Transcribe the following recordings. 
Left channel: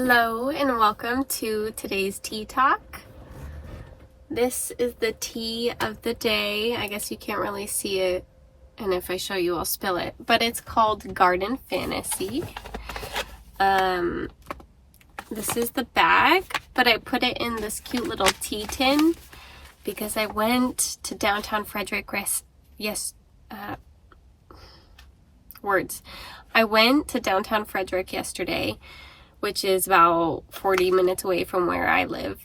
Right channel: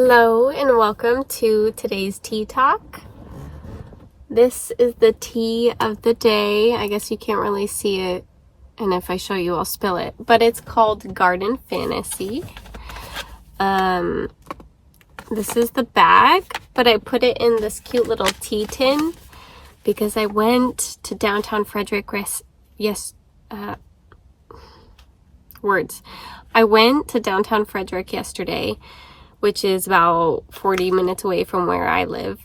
Hello and welcome to today's tea talk. This is the tea of the day. I guess you can't really see it, and if I show you I'll spill it, but it's called Garden Fantasy. This is the bag, but I put it in this cute little tea tin because I went to downtown Frederick I went to downtown Frederick yesterday, which is about 40 minutes away from where I live.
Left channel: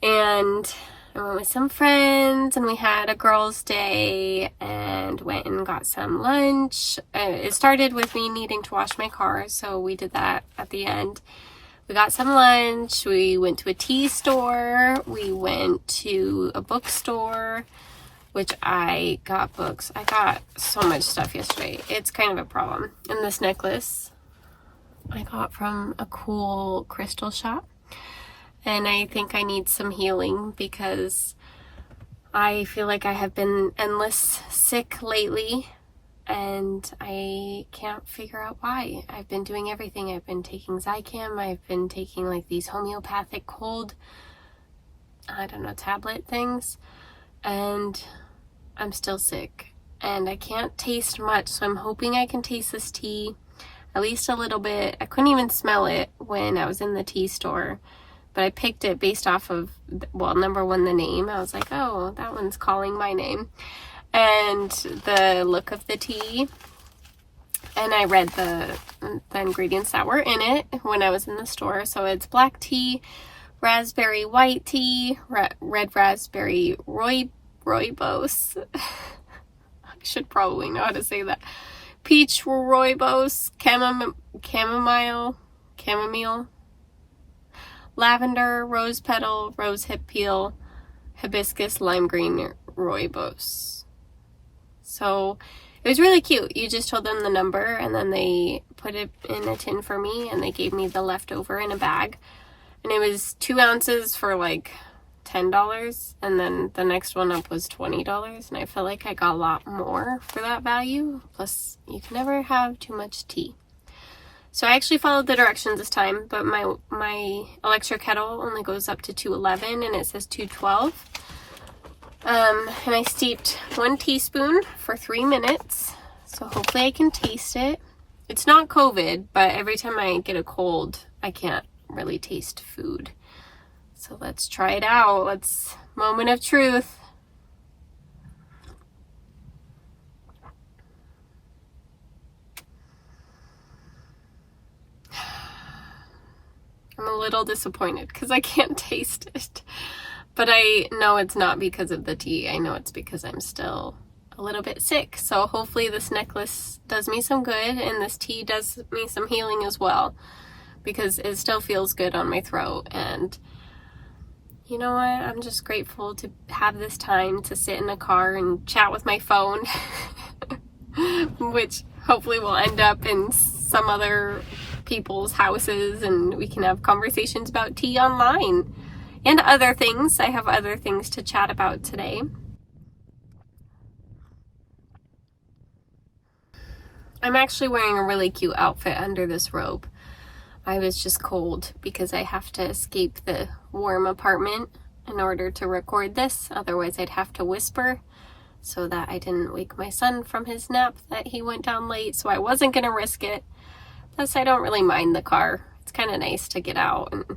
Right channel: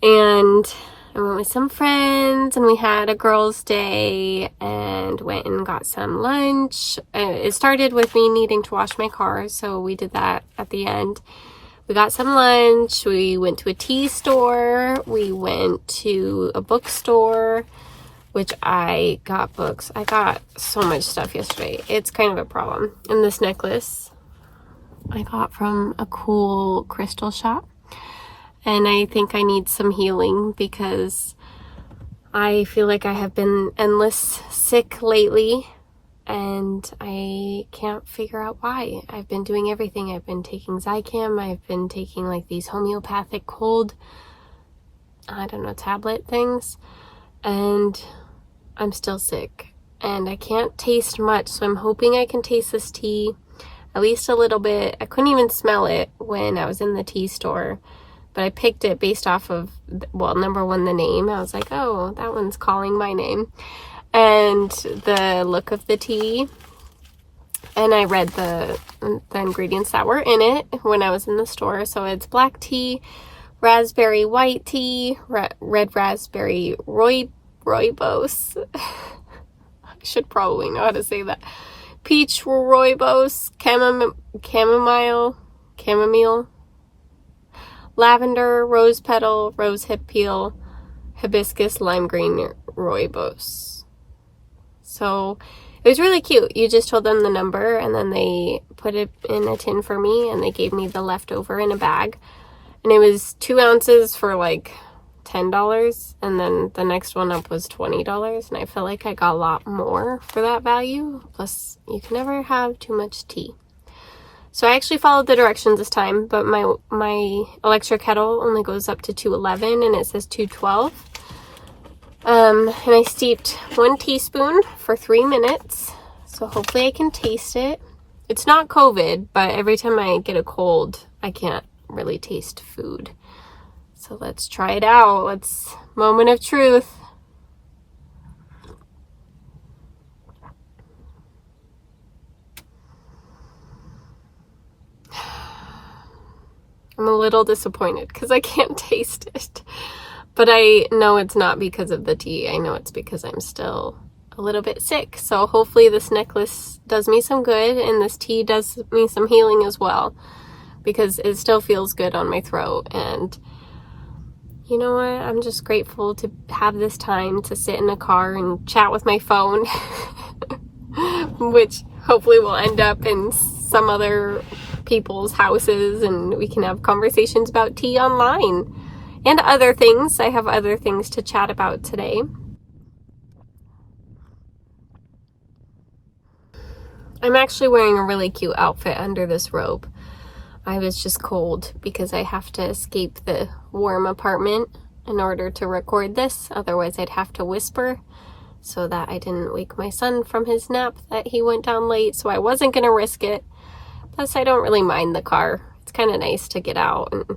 And I went with some friends and we had a girls' day and went and got some lunch. It started with me needing to wash my car, so we did that at the end. We got some lunch, we went to a tea store, we went to a bookstore, which I got books. I got so much stuff yesterday. It's kind of a problem. And this necklace I got from a cool crystal shop, and I think I need some healing because I feel like I have been endless sick lately and I can't figure out why. I've been doing everything. I've been taking Zicam, I've been taking like these homeopathic cold, tablet things, and I'm still sick and I can't taste much, so I'm hoping I can taste this tea at least a little bit. I couldn't even smell it when I was in the tea store, but I picked it based off of, well, number one, the name. I was like, oh, that one's calling my name. And the look of the tea. And I read the ingredients that were in it when I was in the store. So it's black tea, raspberry white tea, red raspberry rooibos. I should probably know how to say that. Peach rooibos, chamomile, lavender, rose petal, rose hip peel, hibiscus, lime green rooibos. So it was really cute. You just told them the number and then they put it in a tin for me and they gave me the leftover in a bag. And it was 2 ounces for like $10, and then the next one up was $20, and I feel like I got a lot more for that value. Plus, you can never have too much tea. So I actually followed the directions this time, but my electric kettle only goes up to 211 and it says 212. And I steeped 1 teaspoon for 3 minutes, so hopefully I can taste it. It's not COVID, but every time I get a cold, I can't really taste food. So let's try it out. Let's moment of truth. I'm a little disappointed because I can't taste it. But I know it's not because of the tea. I know it's because I'm still a little bit sick. So hopefully this necklace does me some good and this tea does me some healing as well, because it still feels good on my throat. And you know what? I'm just grateful to have this time to sit in the car and chat with my phone, which hopefully will end up in some other people's houses and we can have conversations about tea online and other things. I have other things to chat about today. I'm actually wearing a really cute outfit under this robe. I was just cold because I have to escape the warm apartment in order to record this. Otherwise, I'd have to whisper so that I didn't wake my son from his nap that he went down late. So I wasn't going to risk it. Plus, I don't really mind the car. It's kind of nice to get out. And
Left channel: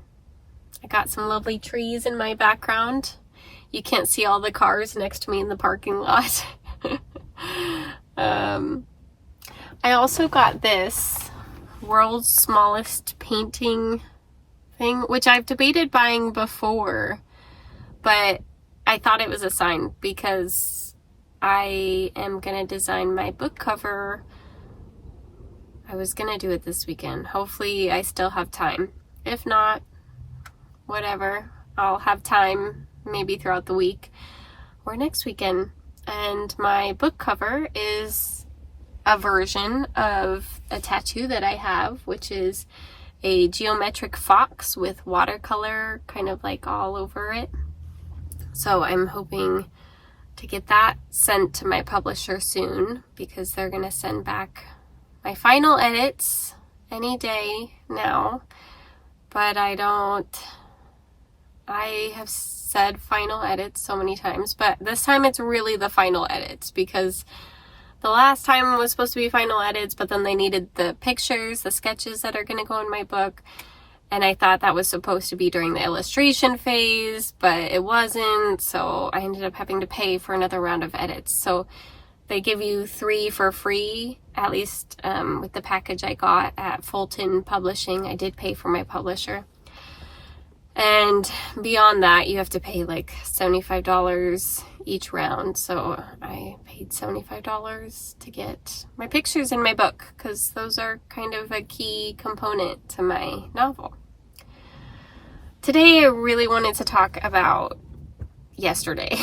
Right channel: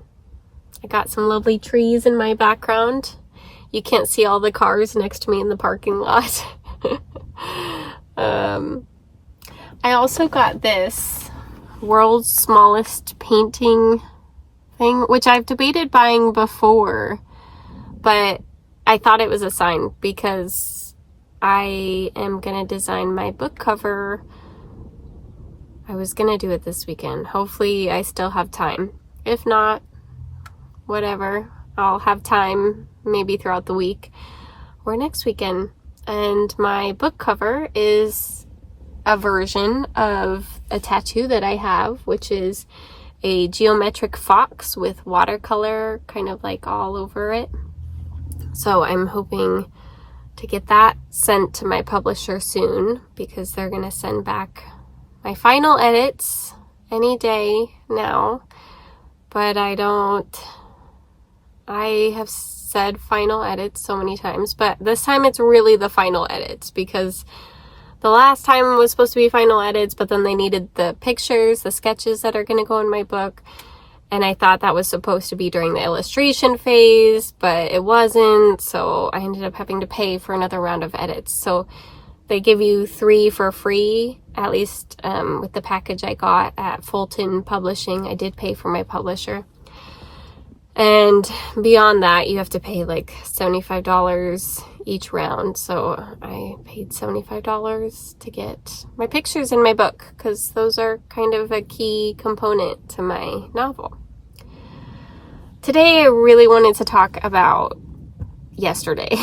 I got some lovely trees in my background. You can't see all the cars next to me in the parking lot. I also got this world's smallest painting thing, which I've debated buying before, but I thought it was a sign because I am gonna design my book cover. I was gonna do it this weekend. Hopefully I still have time. If not, whatever, I'll have time maybe throughout the week or next weekend. And my book cover is a version of a tattoo that I have, which is a geometric fox with watercolor kind of like all over it. So I'm hoping to get that sent to my publisher soon because they're going to send back my final edits any day now. but I have said final edits so many times, but this time it's really the final edits, because the last time was supposed to be final edits, but then they needed the pictures, the sketches that are going to go in my book. And I thought that was supposed to be during the illustration phase, but it wasn't. So I ended up having to pay for another round of edits. So they give you 3 for free, at least with the package I got at Fulton Publishing. I did pay for my publisher. And beyond that, you have to pay like $75 each round. So I paid $75 to get my pictures in my book, because those are kind of a key component to my novel. Today, I really wanted to talk about yesterday.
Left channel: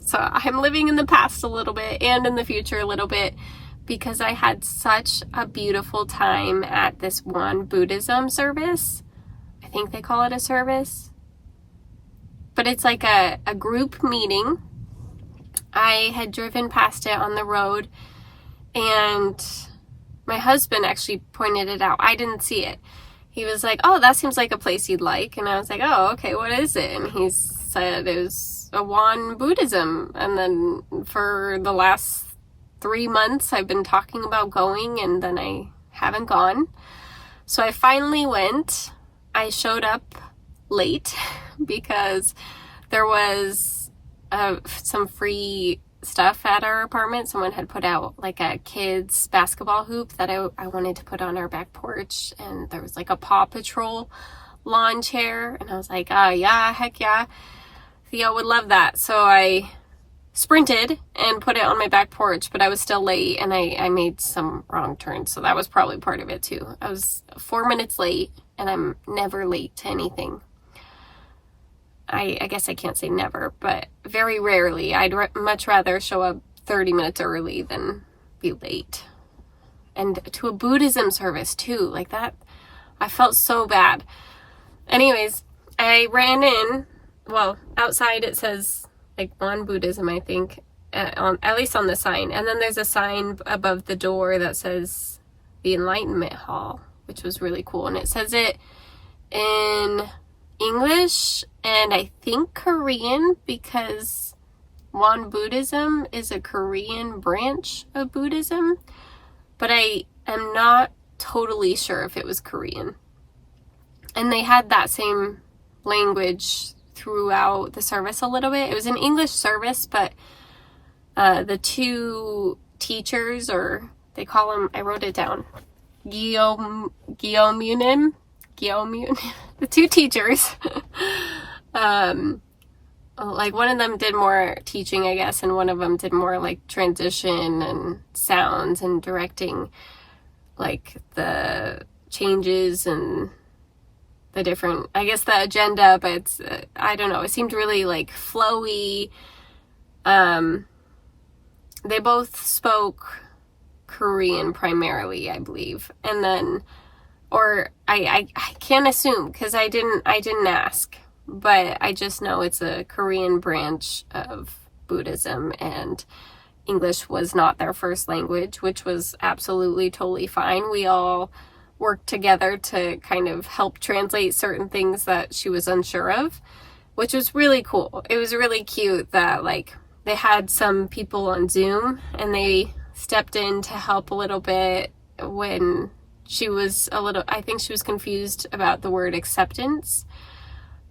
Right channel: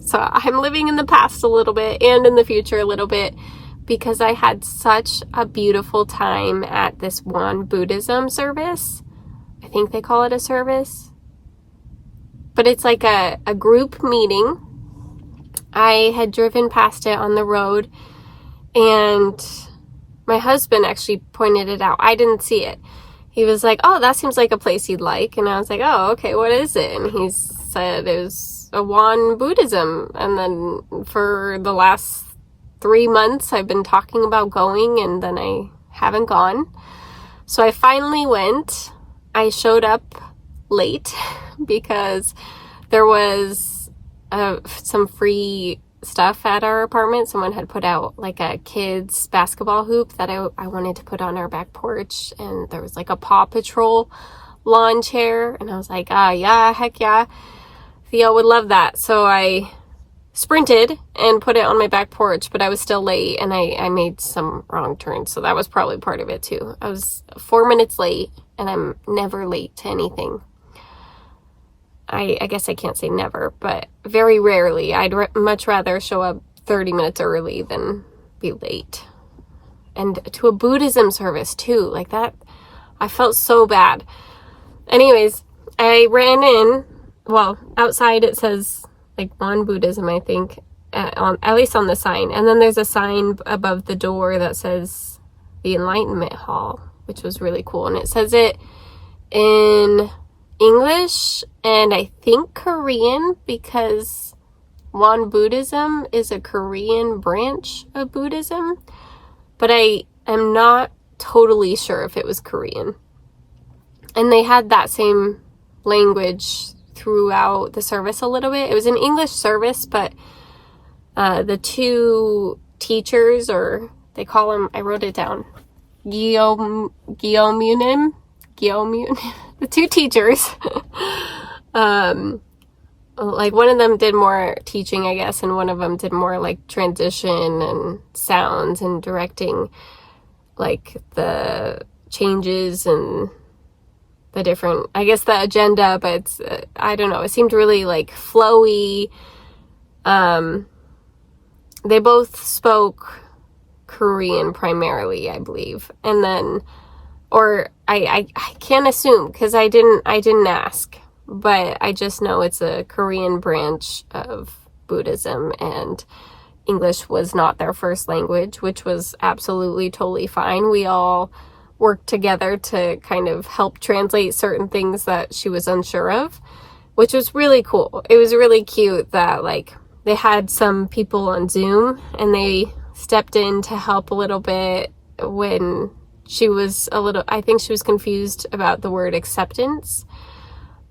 So I'm living in the past a little bit and in the future a little bit, because I had such a beautiful time at this Won-Buddhism service. I think they call it a service, but it's like a group meeting. I had driven past it on the road, and my husband actually pointed it out. I didn't see it. He was like, "Oh, that seems like a place you'd like." And I was like, "Oh, okay, what is it?" And he said it was a Won-Buddhism. And then for the last 3 months, I've been talking about going, and then I haven't gone. So I finally went. I showed up late because there was some free stuff at our apartment. Someone had put out like a kids basketball hoop that I wanted to put on our back porch, and there was like a Paw Patrol lawn chair, and I was like, yeah, heck yeah, Theo would love that. So I sprinted and put it on my back porch, but I was still late, and I made some wrong turns, so that was probably part of it too. I was 4 minutes late, and I'm never late to anything. I guess I can't say never, but very rarely. I'd much rather show up 30 minutes early than be late. And to a Buddhism service too, like that, I felt so bad. Anyways, I ran in. Well, outside it says like Won-Buddhism, I think, at least on the sign. And then there's a sign above the door that says the Enlightenment Hall, which was really cool. And it says it in English and I think Korean, because Won-Buddhism is a Korean branch of Buddhism, but I am not totally sure if it was Korean. And they had that same language throughout the service a little bit. It was an English service, but the 2 teachers, or they call them, I wrote it down, Gyeomunim, the 2 teachers, like one of them did more teaching, I guess, and one of them did more like transition and sounds and directing like the changes and the different, I guess, the agenda, but it's, I don't know, it seemed really like flowy. They both spoke Korean primarily, I believe, and then, or I can't assume because I didn't ask, but I just know it's a Korean branch of Buddhism, and English was not their first language, which was absolutely totally fine. We all worked together to kind of help translate certain things that she was unsure of, which was really cool. It was really cute that like they had some people on Zoom and they stepped in to help a little bit when she was I think she was confused about the word acceptance.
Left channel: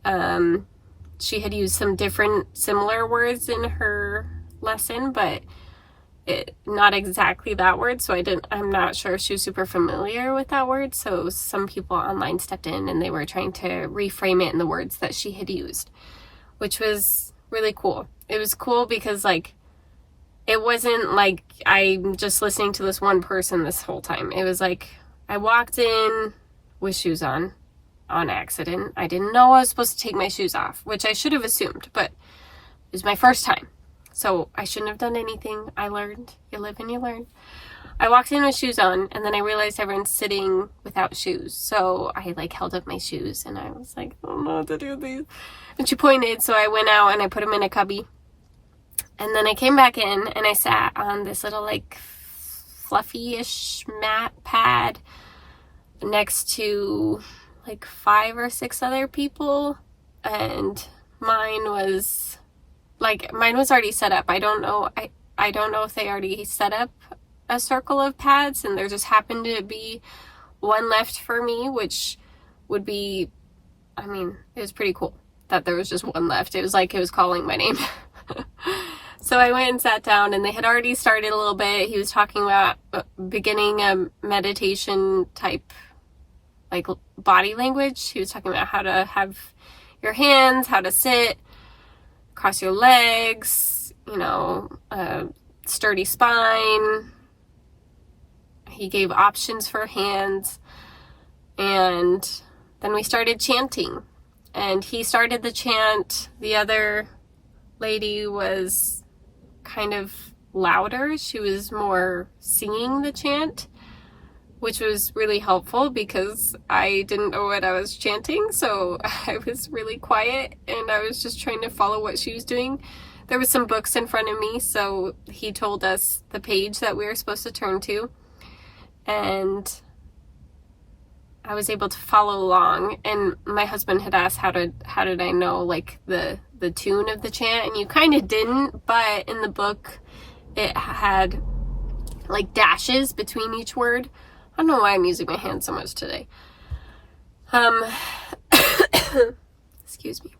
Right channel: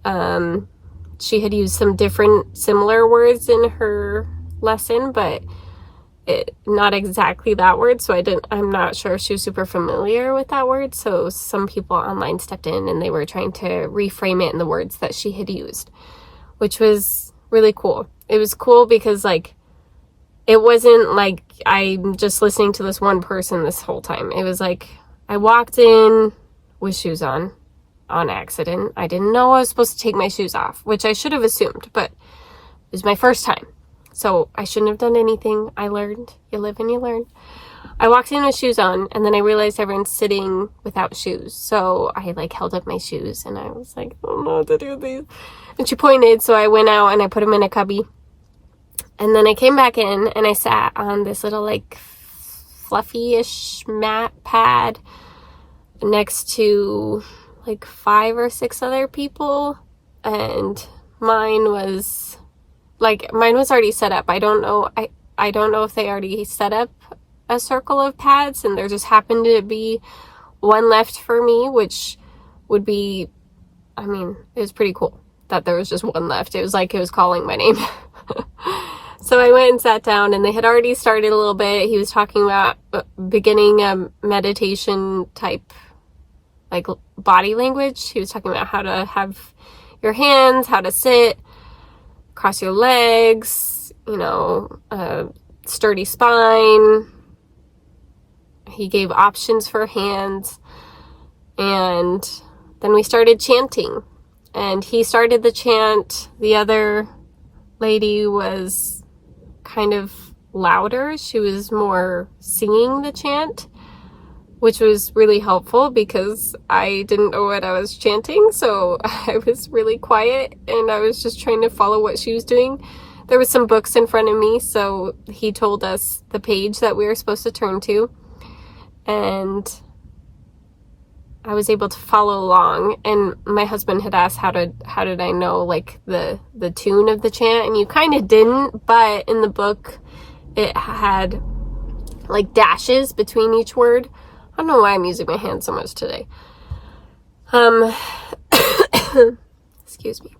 She had used some different similar words in her lesson, but not exactly that word. So I'm not sure if she was super familiar with that word. So some people online stepped in and they were trying to reframe it in the words that she had used, which was really cool. It was cool because like, it wasn't like I'm just listening to this one person this whole time. It was like, I walked in with shoes on accident. I didn't know I was supposed to take my shoes off, which I should have assumed, but it was my first time. So I shouldn't have done anything. I learned. You live and you learn. I walked in with shoes on, and then I realized everyone's sitting without shoes. So I like held up my shoes, and I was like, I don't know what to do with these. And she pointed, so I went out and I put them in a cubby. And then I came back in and I sat on this little like fluffy-ish mat pad next to like 5 or 6 other people, and mine was already set up. I don't know if they already set up a circle of pads, and there just happened to be one left for me, which would be, I mean, it was pretty cool that there was just one left. It was like it was calling my name. So I went and sat down, and they had already started a little bit. He was talking about beginning a meditation type, like, body language. He was talking about how to have your hands, how to sit, cross your legs, sturdy spine. He gave options for hands. And then we started chanting. And he started the chant. The other lady was kind of louder. She was more singing the chant, which was really helpful because I didn't know what I was chanting, so I was really quiet and I was just trying to follow what she was doing. There was some books in front of me, so he told us the page that we were supposed to turn to, and I was able to follow along. And my husband had asked how did I know, like, the tune of the chant, and you kind of didn't, but in the book it had like dashes between each word. I don't know why I'm using my hands so much today. Excuse me.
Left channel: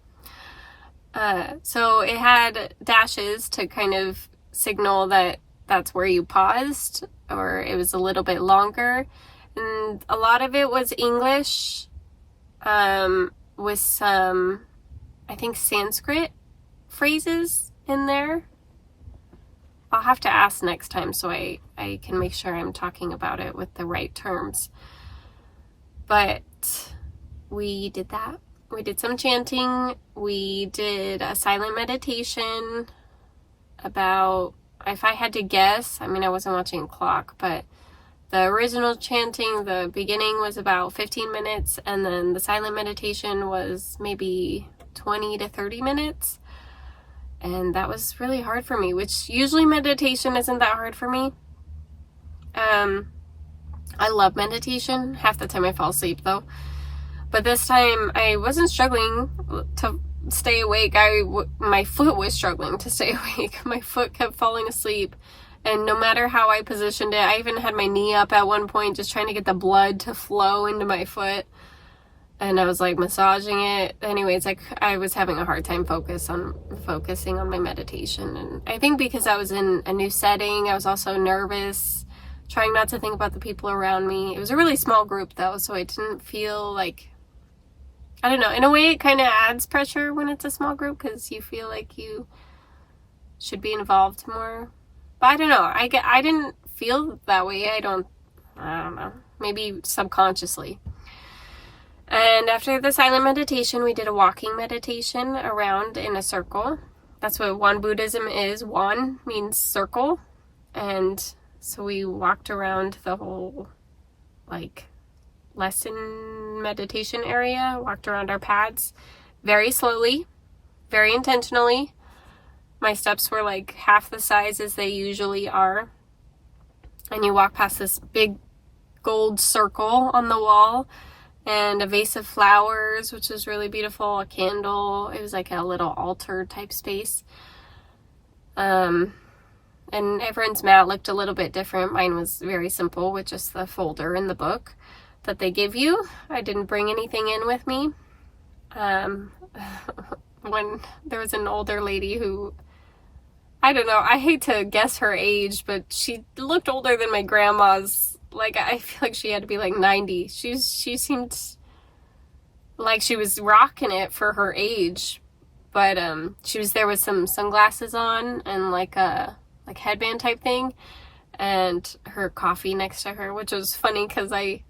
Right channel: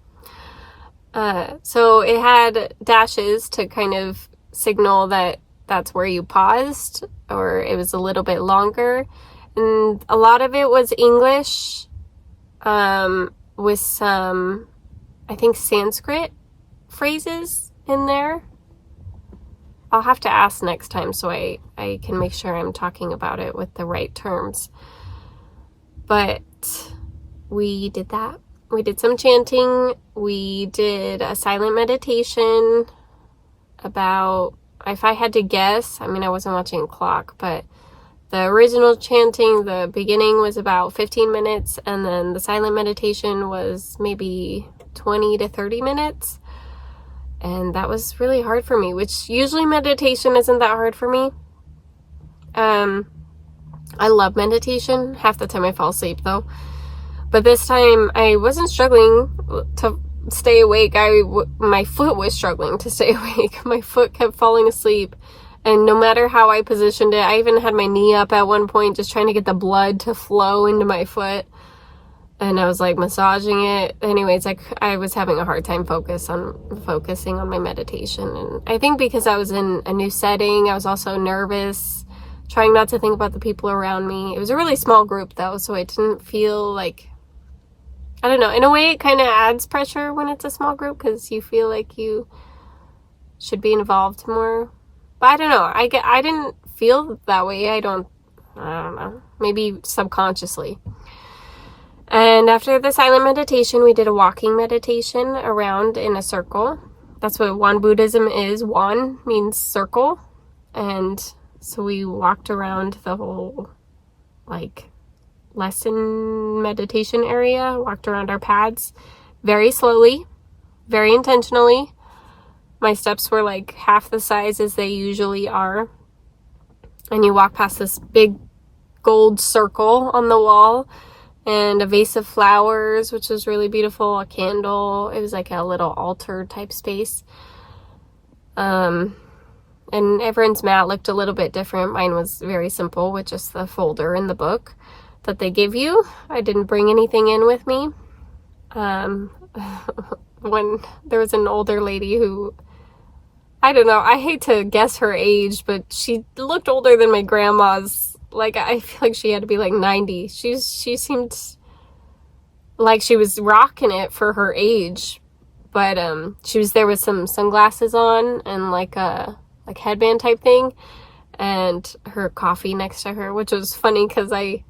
So it had dashes to kind of signal that that's where you paused, or it was a little bit longer. And a lot of it was English, with some, I think, Sanskrit phrases in there. I'll have to ask next time so I can make sure I'm talking about it with the right terms. But we did that. We did some chanting. We did a silent meditation about, if I had to guess, I mean, I wasn't watching a clock, but the original chanting, the beginning was about 15 minutes, and then the silent meditation was maybe 20 to 30 minutes. And that was really hard for me, which usually meditation isn't that hard for me. I love meditation. Half the time I fall asleep, though. But this time I wasn't struggling to stay awake. My foot was struggling to stay awake. My foot kept falling asleep. And no matter how I positioned it, I even had my knee up at one point, just trying to get the blood to flow into my foot. And I was like massaging it. Anyways, I was having a hard time focusing on my meditation. And I think because I was in a new setting, I was also nervous, trying not to think about the people around me. It was a really small group though, so I didn't feel like, I don't know, in a way it kind of adds pressure when it's a small group because you feel like you should be involved more. But I don't know, I didn't feel that way. I don't know, maybe subconsciously. And after the silent meditation, we did a walking meditation around in a circle. That's what Won-Buddhism is. Won means circle. And so we walked around the whole, like, lesson meditation area, walked around our pads very slowly, very intentionally. My steps were like half the size as they usually are. And you walk past this big gold circle on the wall, and a vase of flowers, which was really beautiful, a candle. It was like a little altar type space. And everyone's mat looked a little bit different. Mine was very simple with just the folder in the book that they give you. I didn't bring anything in with me. When there was an older lady who, I don't know, I hate to guess her age, but she looked older than my grandma's. Like, I feel like she had to be like 90. She seemed like she was rocking it for her age. But she was there with some sunglasses on and like a headband type thing, and her coffee next to her, which was funny because I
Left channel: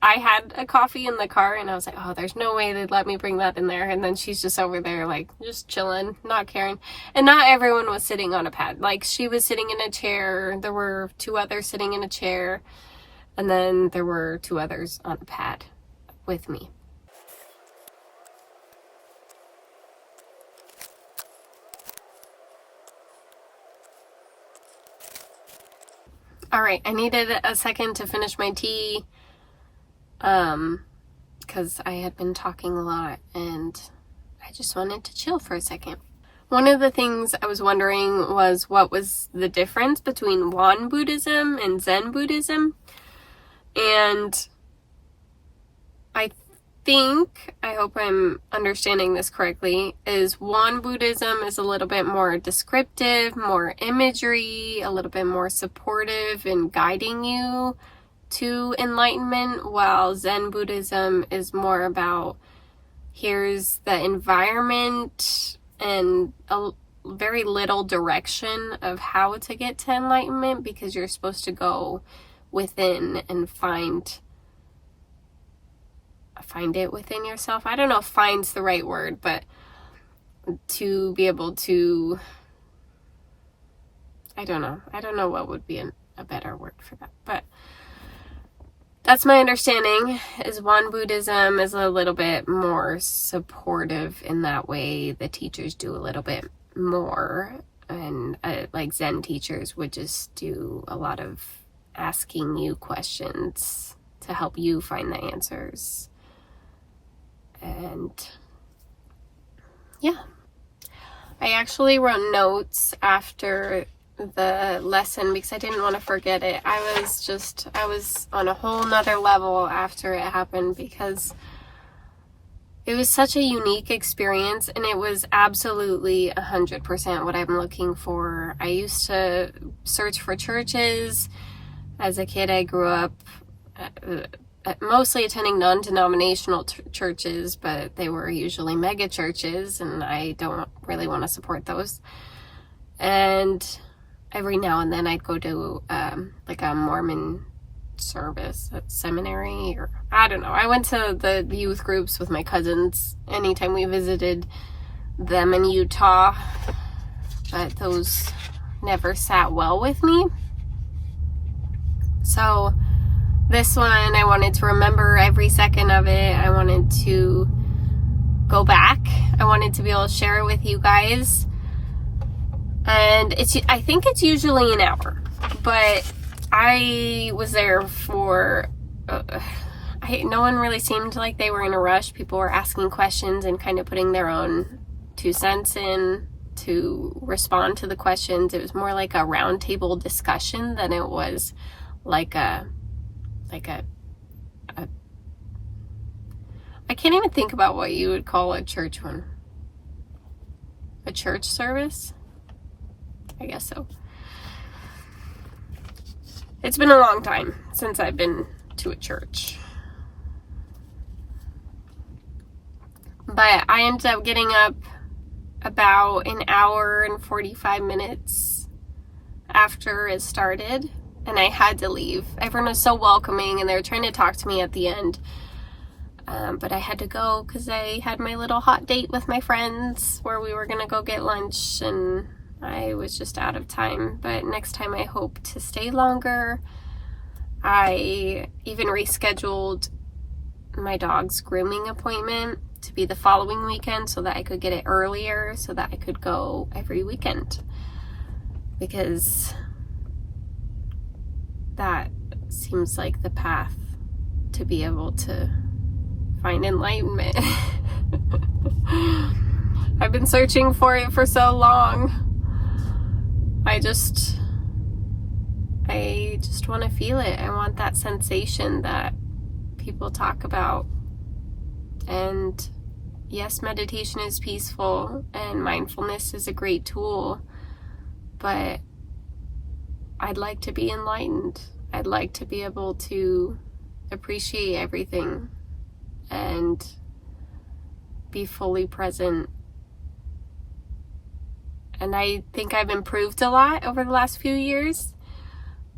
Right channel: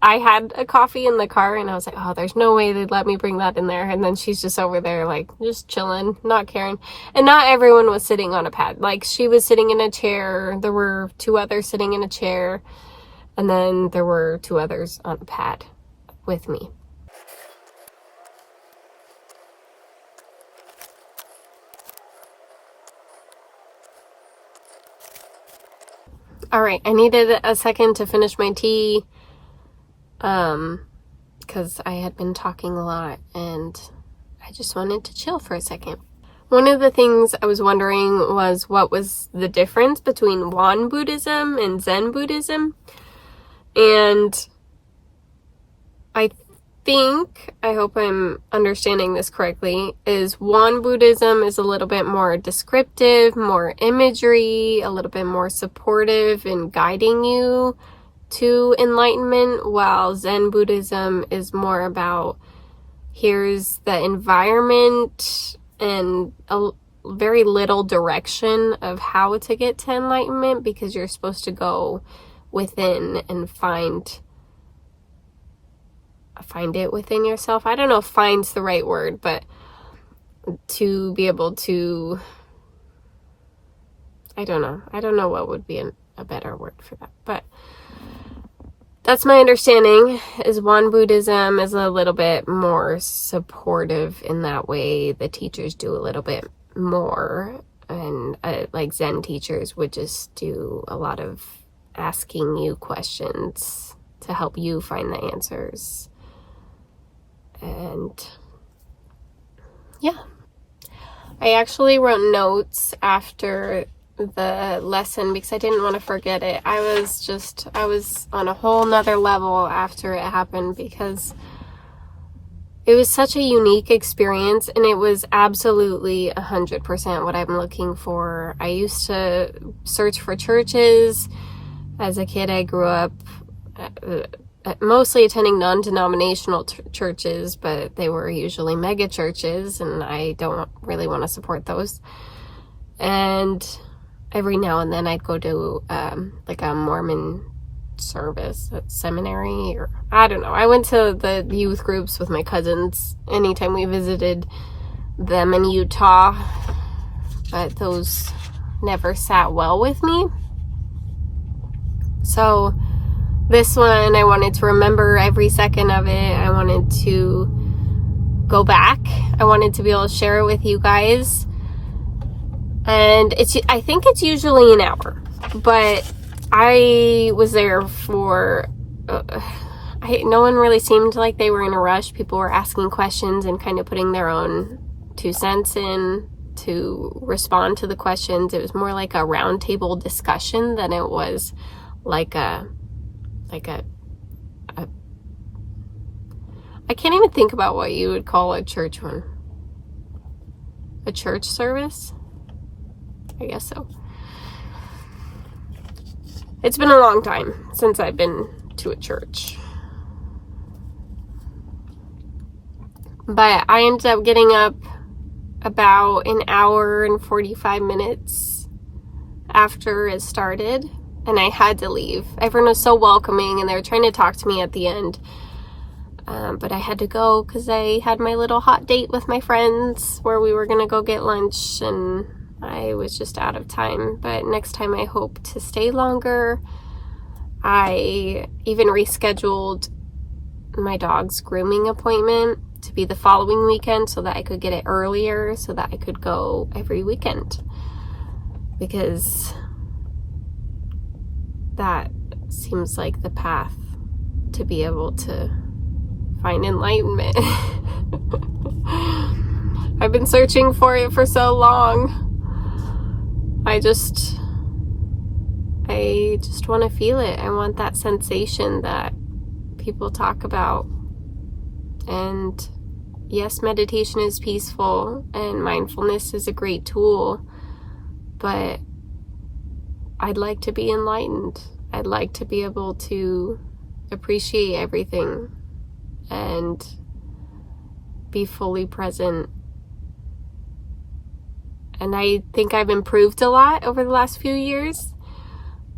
had a coffee in the car, and I was like, oh, there's no way they'd let me bring that in there. And then she's just over there, like, just chilling, not caring. And not everyone was sitting on a pad. Like, she was sitting in a chair. There were 2 others sitting in a chair. And then there were 2 others on a pad with me. All right, I needed a second to finish my tea, because because I had been talking a lot and I just wanted to chill for a second. One of the things I was wondering was what was the difference between Won-Buddhism and Zen Buddhism. And I hope I'm understanding this correctly, is Won-Buddhism is a little bit more descriptive, more imagery, a little bit more supportive in guiding you to enlightenment, while Zen Buddhism is more about here's the environment and a very little direction of how to get to enlightenment, because you're supposed to go within and find it within yourself. I don't know if find's the right word, but to be able to, I don't know what would be a better word for that, but that's my understanding, is Won-Buddhism is a little bit more supportive in that way. The teachers do a little bit more, and like Zen teachers would just do a lot of asking you questions to help you find the answers. And yeah, I actually wrote notes after the lesson because I didn't want to forget it. I was on a whole nother level after it happened, because it was such a unique experience, and it was absolutely 100% what I'm looking for. I used to search for churches. As a kid, I grew up mostly attending non-denominational churches, but they were usually mega churches, and I don't really want to support those. And every now and then I'd go to like a Mormon service at seminary, or I don't know. I went to the youth groups with my cousins anytime we visited them in Utah, but those never sat well with me. So this one, I wanted to remember every second of it. I wanted to go back. I wanted to be able to share it with you guys. And I think it's usually an hour, but I was there for, no one really seemed like they were in a rush. People were asking questions and kind of putting their own 2 cents in to respond to the questions. It was more like a roundtable discussion than it was like a I can't even think about what you would call a church one. A church service? I guess so. It's been a long time since I've been to a church. But I ended up getting up about an hour and 45 minutes after it started, and I had to leave. Everyone was so welcoming, and they were trying to talk to me at the end. But I had to go because I had my little hot date with my friends where we were going to go get lunch, and I was just out of time. But next time I hope to stay longer. I even rescheduled my dog's grooming appointment to be the following weekend so that I could get it earlier so that I could go every weekend, because that seems like the path to be able to find enlightenment. I've been searching for it for so long. I just want to feel it. I want that sensation that people talk about. And yes, meditation is peaceful and mindfulness is a great tool, but I'd like to be enlightened. I'd like to be able to appreciate everything and be fully present. And I think I've improved a lot over the last few years,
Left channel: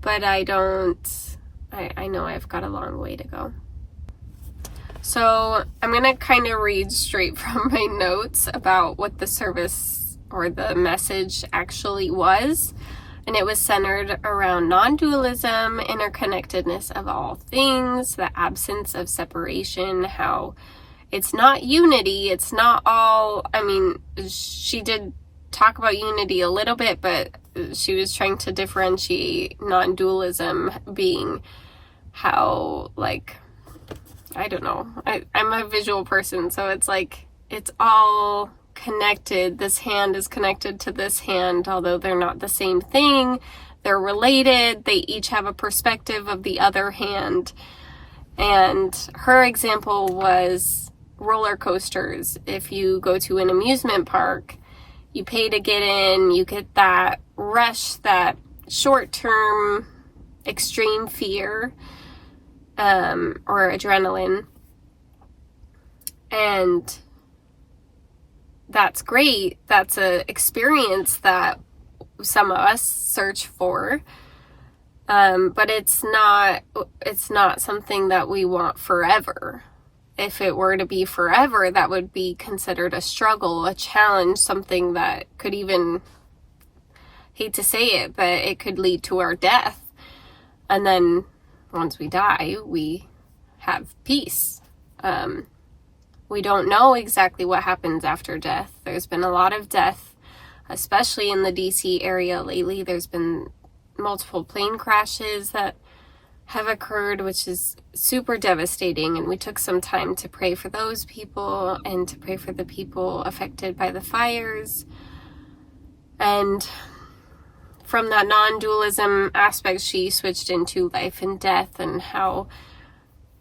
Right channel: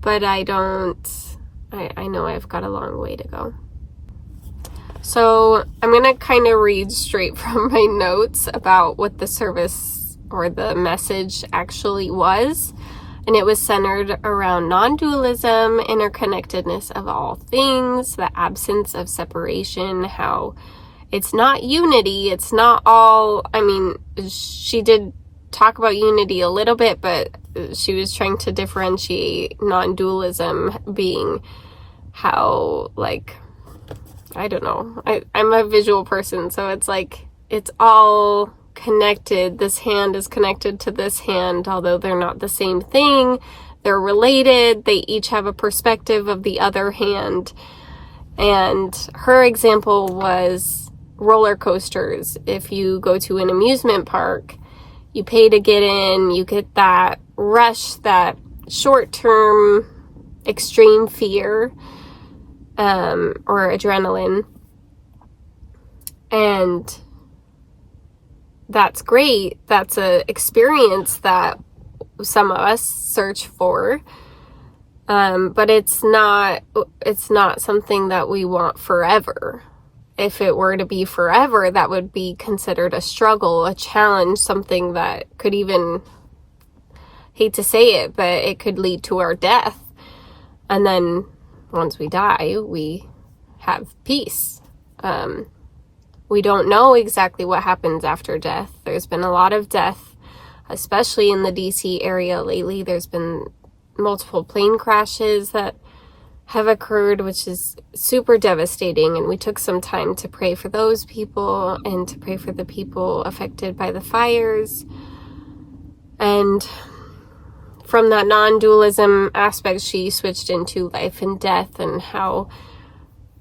but I know I've got a long way to go. So I'm going to kind of read straight from my notes about what the service or the message actually was. And it was centered around non-dualism, interconnectedness of all things, the absence of separation, how it's not unity, it's not all, she did talk about unity a little bit, but she was trying to differentiate non-dualism being how, I don't know. I'm a visual person, so it's like it's all connected. This hand is connected to this hand, although they're not the same thing. They're related. They each have a perspective of the other hand. And her example was roller coasters. If you go to an amusement park, you pay to get in, you get that rush, that short-term extreme fear, or adrenaline. And that's great. That's an experience that some of us search for. But it's not something that we want forever. If it were to be forever, that would be considered a struggle, a challenge, something that could even, hate to say it, but it could lead to our death. And then once we die, we have peace. We don't know exactly what happens after death. There's been a lot of death, especially in the DC area lately. There's been multiple plane crashes that have occurred, which is super devastating, and we took some time to pray for those people and to pray for the people affected by the fires. And from that non-dualism aspect, she switched into life and death and how,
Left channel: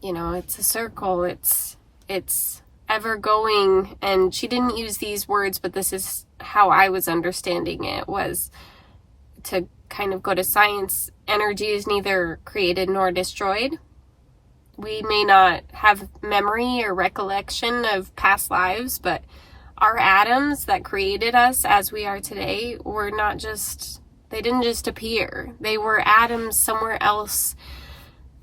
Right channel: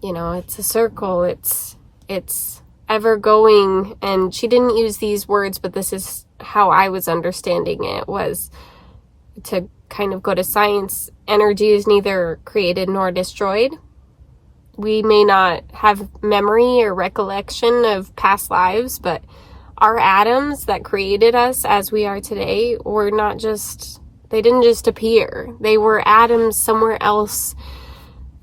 it's a circle, it's ever going. And she didn't use these words, but this is how I was understanding it, was to kind of go to science. Energy is neither created nor destroyed. We may not have memory or recollection of past lives, but our atoms that created us as we are today were not just, they didn't just appear. They were atoms somewhere else.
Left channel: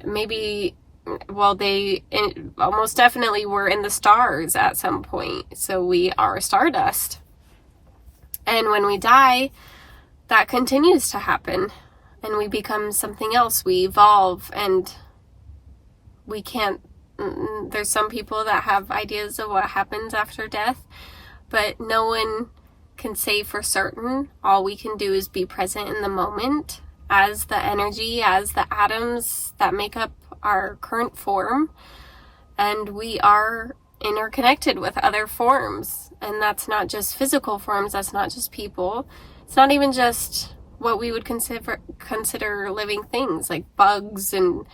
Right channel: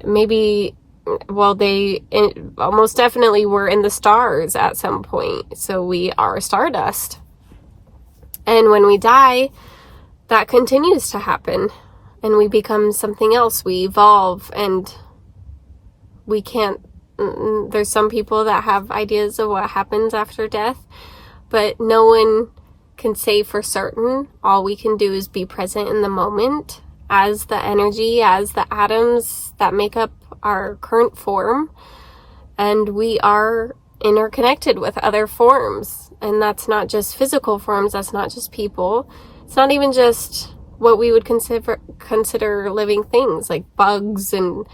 Maybe, they almost definitely were in the stars at some point. So we are stardust. And when we die, that continues to happen, and we become something else. We evolve, and we can't, there's some people that have ideas of what happens after death, but no one can say for certain. All we can do is be present in the moment as the energy, as the atoms that make up our current form, and we are interconnected with other forms. And that's not just physical forms, that's not just people. It's not even just what we would consider living things like bugs and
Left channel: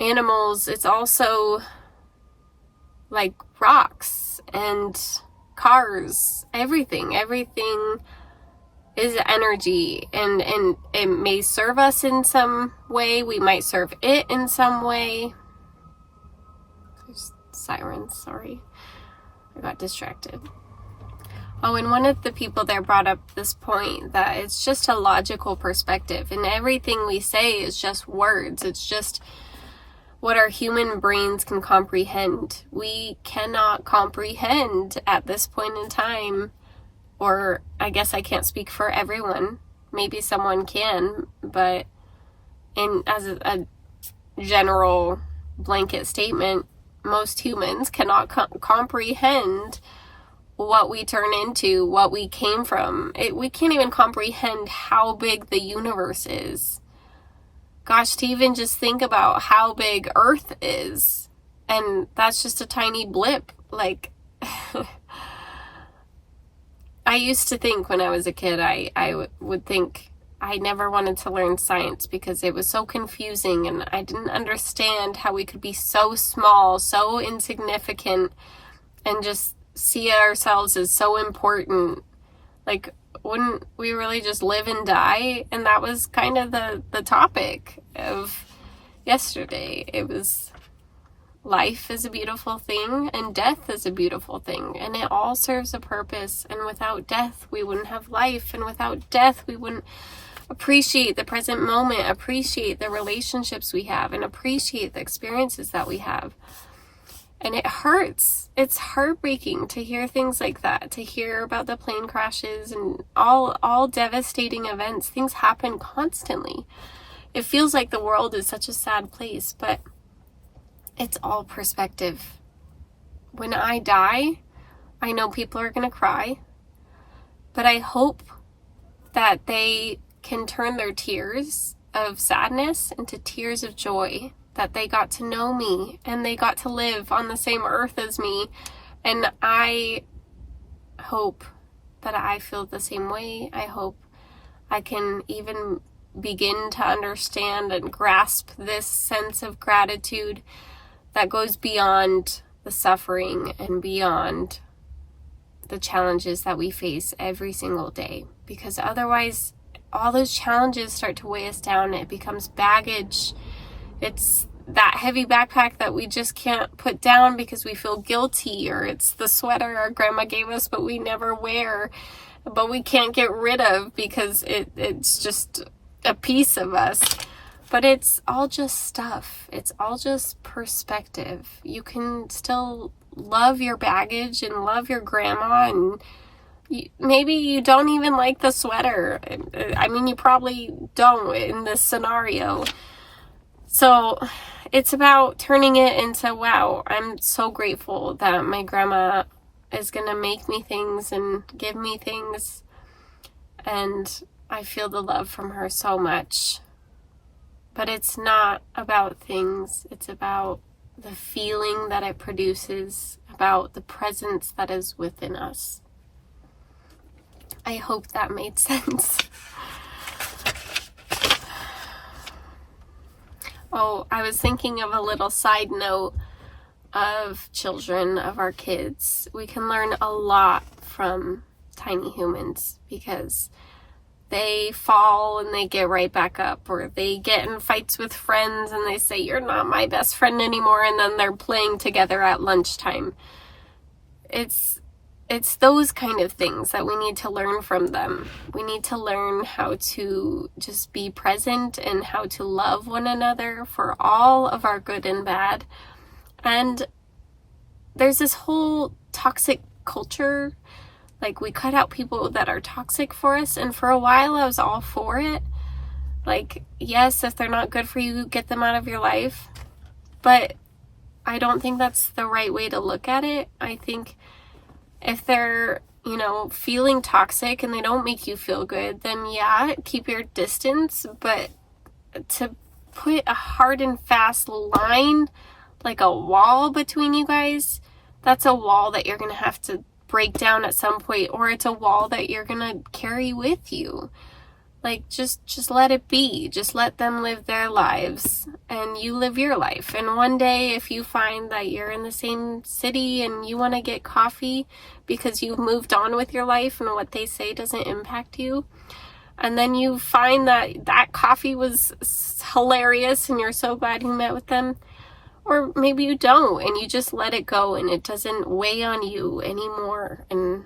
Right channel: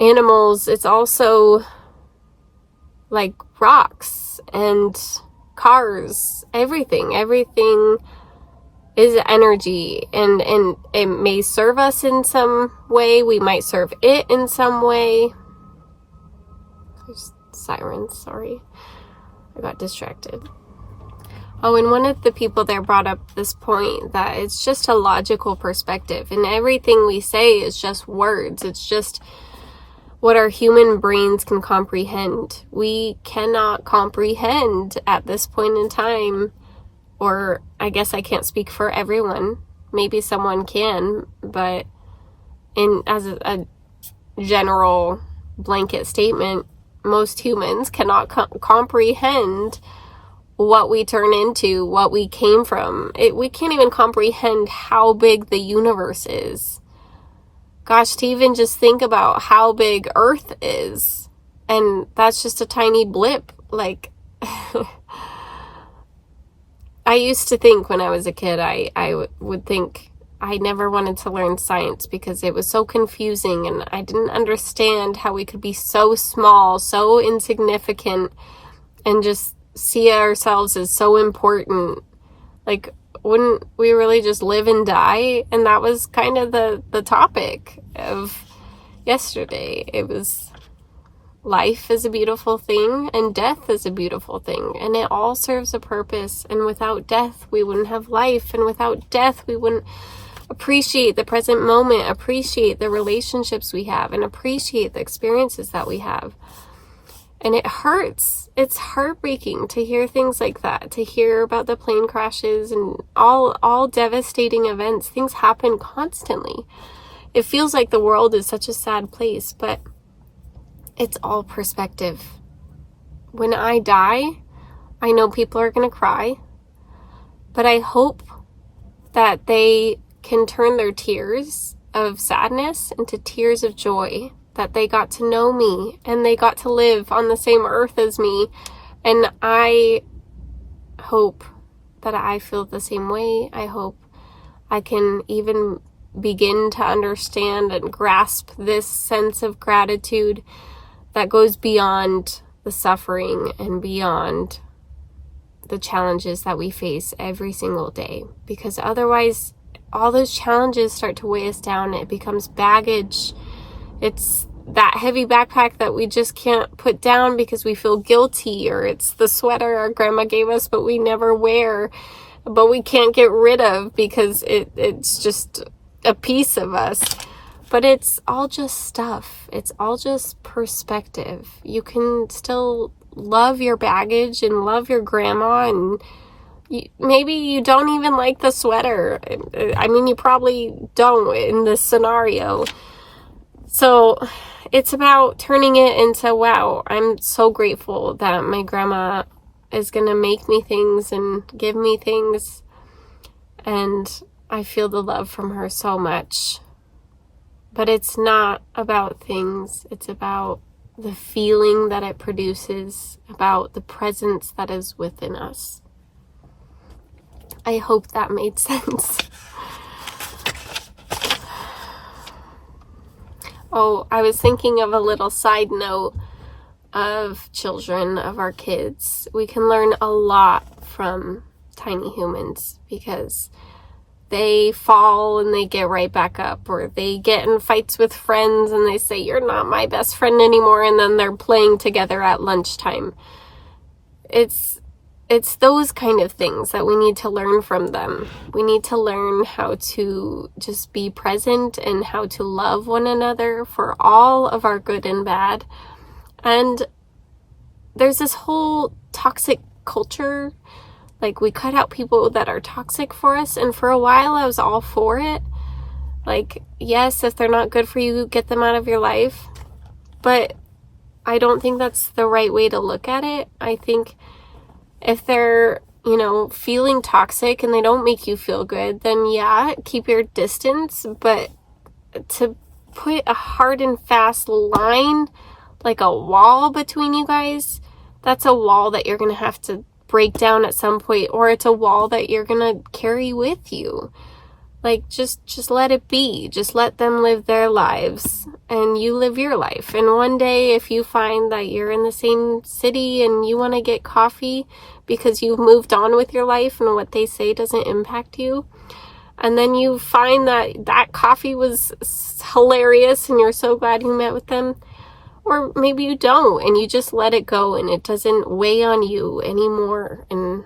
animals. It's also like rocks and cars, everything. Everything is energy, and it may serve us in some way. We might serve it in some way. There's sirens, sorry. I got distracted. Oh, and one of the people there brought up this point that it's just a logical perspective, and everything we say is just words. It's just what our human brains can comprehend. We cannot comprehend at this point in time, or I guess I can't speak for everyone. Maybe someone can, but as a general blanket statement, most humans cannot comprehend what we turn into, what we came from. We can't even comprehend how big the universe is. Gosh, to even just think about how big Earth is, and that's just a tiny blip. Like, I used to think when I was a kid, I would think I never wanted to learn science because it was so confusing, and I didn't understand how we could be so small, so insignificant, and just see ourselves as so important. Like, wouldn't we really just live and die? And that was kind of the topic of yesterday. It was life is a beautiful thing and death is a beautiful thing, and it all serves a purpose. And without death, we wouldn't have life, and without death, we wouldn't appreciate the present moment, appreciate the relationships we have, and appreciate the experiences that we have. And it hurts. It's heartbreaking to hear things like that, to hear about the plane crashes and all devastating events. Things happen constantly. It feels like the world is such a sad place, but it's all perspective. When I die, I know people are going to cry, but I hope that they can turn their tears of sadness into tears of joy, that they got to know me and they got to live on the same earth as me. And I hope that I feel the same way. I hope I can even begin to understand and grasp this sense of gratitude that goes beyond the suffering and beyond the challenges that we face every single day. Because otherwise, all those challenges start to weigh us down. It becomes baggage. It's that heavy backpack that we just can't put down because we feel guilty, or it's the sweater our grandma gave us but we never wear, but we can't get rid of because it's just a piece of us. But it's all just stuff. It's all just perspective. You can still love your baggage and love your grandma, and maybe you don't even like the sweater. I mean, you probably don't in this scenario. So it's about turning it into, wow, I'm so grateful that my grandma is going to make me things and give me things. And I feel the love from her so much. But it's not about things. It's about the feeling that it produces, about the presence that is within us. I hope that made sense. Oh, I was thinking of a little side note of children, of our kids. We can learn a lot from tiny humans because they fall and they get right back up, or they get in fights with friends and they say, "You're not my best friend anymore," and then they're playing together at lunchtime. It's those kind of things that we need to learn from them. We need to learn how to just be present and how to love one another for all of our good and bad. And there's this whole toxic culture. Like, we cut out people that are toxic for us. And for a while, I was all for it. Like, yes, if they're not good for you, get them out of your life. But I don't think that's the right way to look at it. I think if they're, feeling toxic and they don't make you feel good, then yeah, keep your distance. But to put a hard and fast line, like a wall between you guys, that's a wall that you're going to have to break down at some point, or it's a wall that you're going to carry with you. Like, just let it be. Just let them live their lives and you live your life. And one day, if you find that you're in the same city and you want to get coffee because you've moved on with your life and what they say doesn't impact you, and then you find that coffee was hilarious and you're so glad you met with them, or maybe you don't and you just let it go and it doesn't weigh on you anymore, and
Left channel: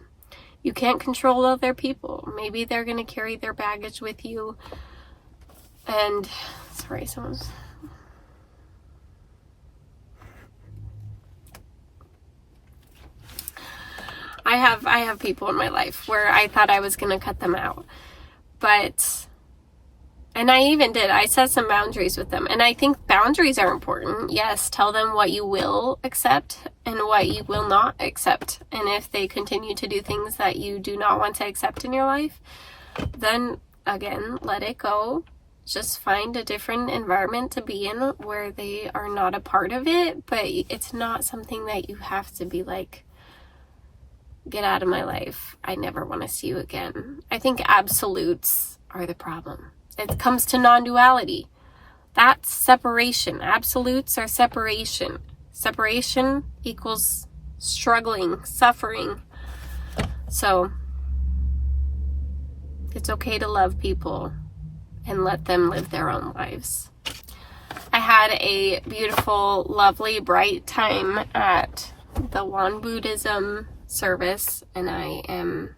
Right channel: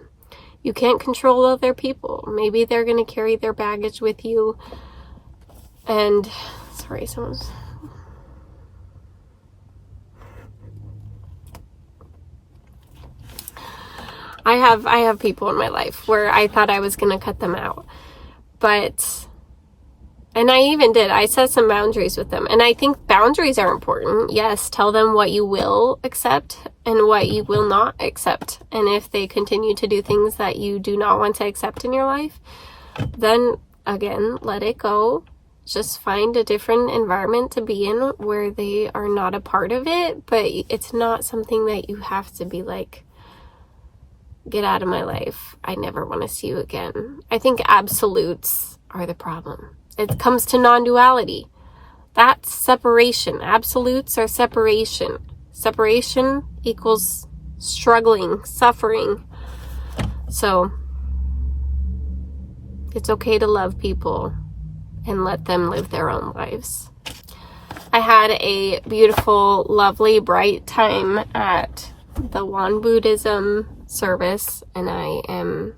you can't control other people. Maybe they're going to carry their baggage with you. And, sorry, someone's... I have people in my life where I thought I was going to cut them out. And I even did. I set some boundaries with them. And I think boundaries are important. Yes, tell them what you will accept and what you will not accept. And if they continue to do things that you do not want to accept in your life, then again, let it go. Just find a different environment to be in where they are not a part of it. But it's not something that you have to be like, get out of my life. I never want to see you again. I think absolutes are the problem. It comes to non-duality. That's separation. Absolutes are separation. Separation equals struggling, suffering. So it's okay to love people and let them live their own lives. I had a beautiful, lovely, bright time at the Won-Buddhism service, and I am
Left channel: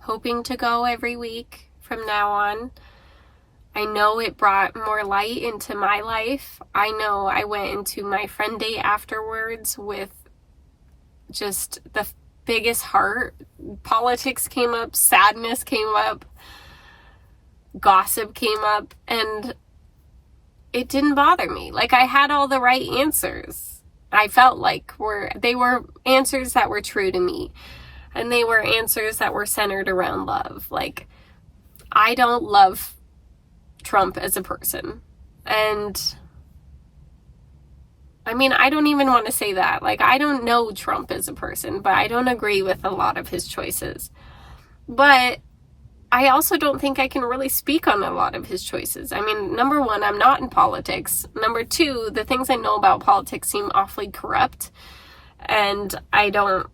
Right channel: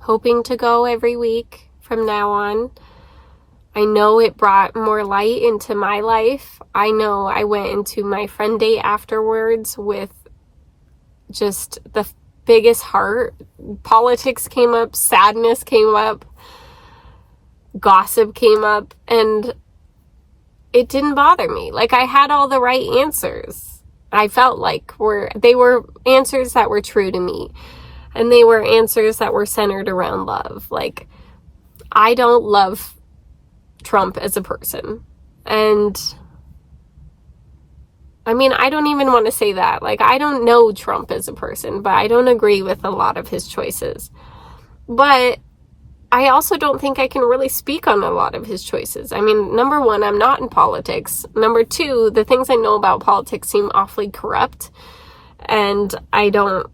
hoping to go every week from now on. I know it brought more light into my life. I know I went into my friend day afterwards with just the biggest heart. Politics came up, sadness came up, gossip came up, and it didn't bother me. Like, I had all the right answers. I felt like they were answers that were true to me, and they were answers that were centered around love. Like, I don't love Trump as a person, and I mean, I don't even want to say that. Like, I don't know Trump as a person, but I don't agree with a lot of his choices. But I also don't think I can really speak on a lot of his choices. I mean, number one, I'm not in politics. Number two, the things I know about politics seem awfully corrupt, and I don't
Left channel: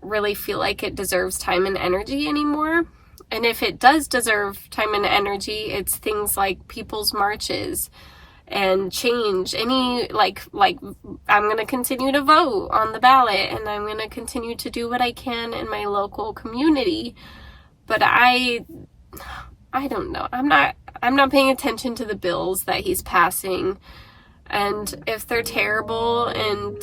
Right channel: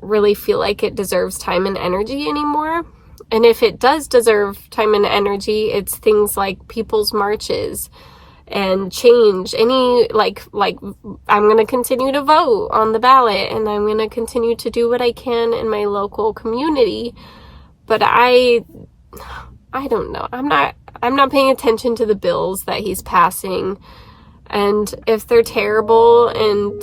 really feel like it deserves time and energy anymore. And if it does deserve time and energy, it's things like people's marches and change. Like I'm going to continue to vote on the ballot, and I'm going to continue to do what I can in my local community. But I don't know. I'm not paying attention to the bills that he's passing. And if they're terrible and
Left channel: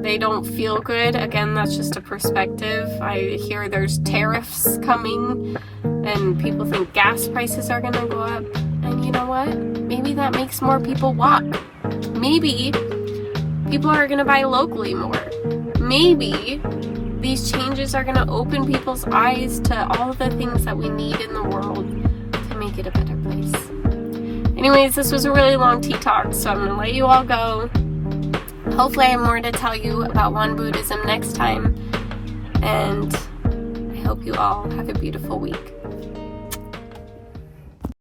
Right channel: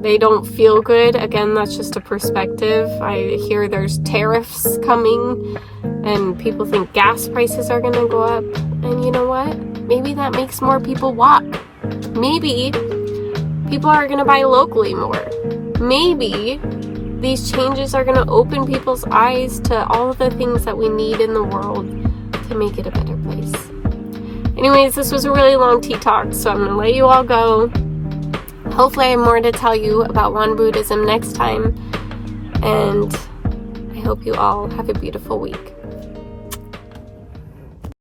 they don't feel good, again, that's just a perspective. I hear there's tariffs coming and people think gas prices are going to go up. And you know what? Maybe that makes more people walk. Maybe people are going to buy locally more. Maybe these changes are going to open people's eyes to all of the things that we need in the world to make it a better place. Anyways, this was a really long tea talk, so I'm going to let you all go. Hopefully I have more to tell you about Won-Buddhism next time. And I hope you all have a beautiful week.